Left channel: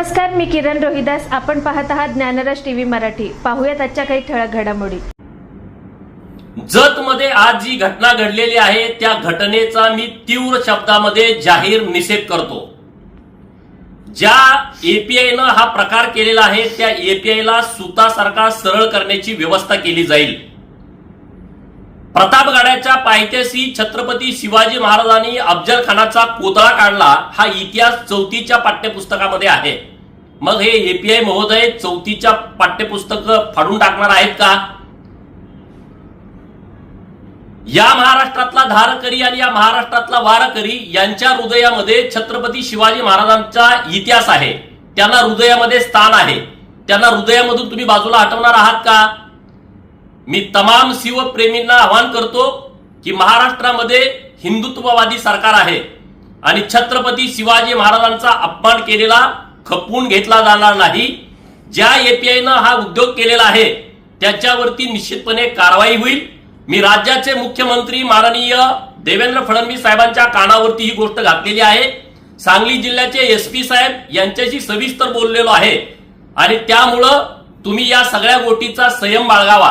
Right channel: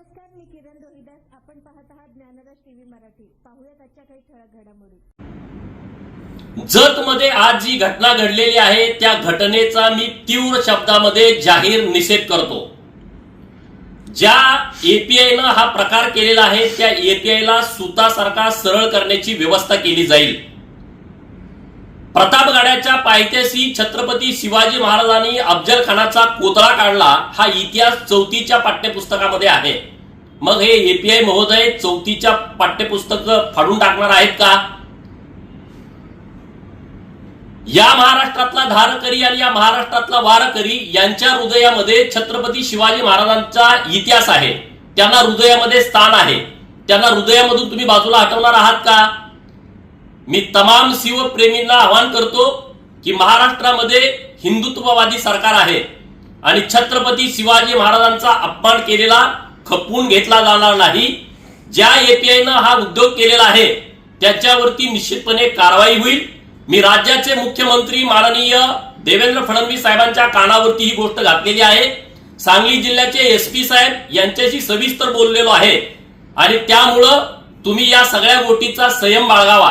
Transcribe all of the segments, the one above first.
नमस्कार मी किरण रोहिदास आपण पाहत आहात ज्ञानराज टीव्ही मराठी पाहूयात आजच्या काही ठळक घडामोडी जत मध्ये आज जी घटना घडलेली आहे त्या घटनेचा मी तीव्र शब्दामध्ये जाहीर निषेध करतो ज्या न हा प्रकार केलेला आहे त्या एपीआयला सुतासारखा सरळ करण्याची व्यवस्था केली जाईल प्रतापगडाच्या पायथ्याशी छत्रपती शिवाजी महाराजांनी अफजल खानाचा कोतळा काढला हा इतिहास चौथीच्या पाठ्यपुस्तकामध्ये आहे मग हे एपीआय महोदय चौथीच्या पाठ्यपुस्तक फाडून टाकणार आहेत का या महाराष्ट्रातला धारकरी आणि या महाराष्ट्रातला वारकरी यांच्या हृदयामध्ये छत्रपती शिवाजी महाराजांचा इतिहास आहे त्यांना हृदयामध्ये स्थान आहे त्यांना हृदयामधून तुम्ही बाजूला हटवणार आहात का मी तमाम शिवप्रेमींना आवाहन करतो की महाराष्ट्रामध्ये हिंदुत्ववादी सरकार आहे आणि छत्रपती शिवाजी महाराजांचा अपमान केलेला खपवून घेतला जाणार नाही ज्या एपीआयनं हा उद्योग केलेला आहे त्याच्यावरती निश्चितपणे कारवाई होईल मी राज्याचे मुख्यमंत्री माननीय देवेंद्र फडणवीस साहेबांच्या कानावरती ही गोष्ट घातलेली आहे सांगली जिल्ह्याचे एस पी साहेब यांच्याशी सविस्तर बोललेलो आहे आणि त्यामुळं तुम्ही या सगळ्या गोष्टीचा संयम बाळगावा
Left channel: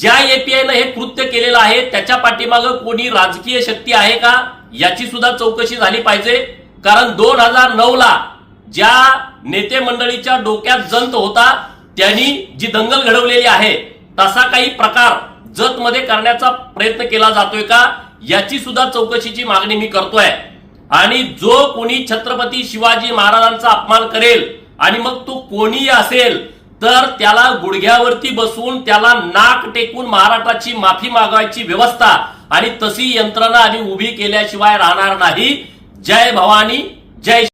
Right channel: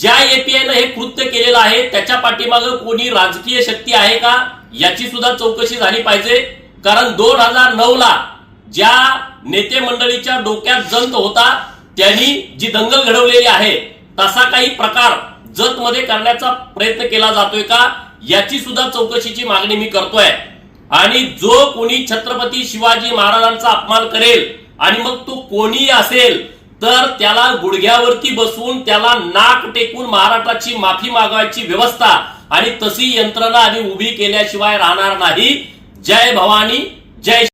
ज्या एपीआयनं हे कृत्य केलेलं आहे त्याच्या पाठीमागं कोणी राजकीय शक्ती आहे का याची सुद्धा चौकशी झाली पाहिजे कारण दोन हजार नऊ ला ज्या नेते मंडळीच्या डोक्यात जंत होता त्यांनी जी दंगल घडवलेली आहे तसा काही प्रकार जतमध्ये करण्याचा प्रयत्न केला जातोय का याची सुद्धा चौकशीची मागणी मी करतोय आणि जो कोणी छत्रपती शिवाजी महाराजांचा अपमान करेल आणि मग तो कोणीही असेल तर त्याला गुडघ्यावरती बसून त्याला नाक टेकून महाराष्ट्राची माफी मागवायची व्यवस्था आणि तशी यंत्रणा आम्ही उभी केल्याशिवाय राहणार नाही जय भवानी जय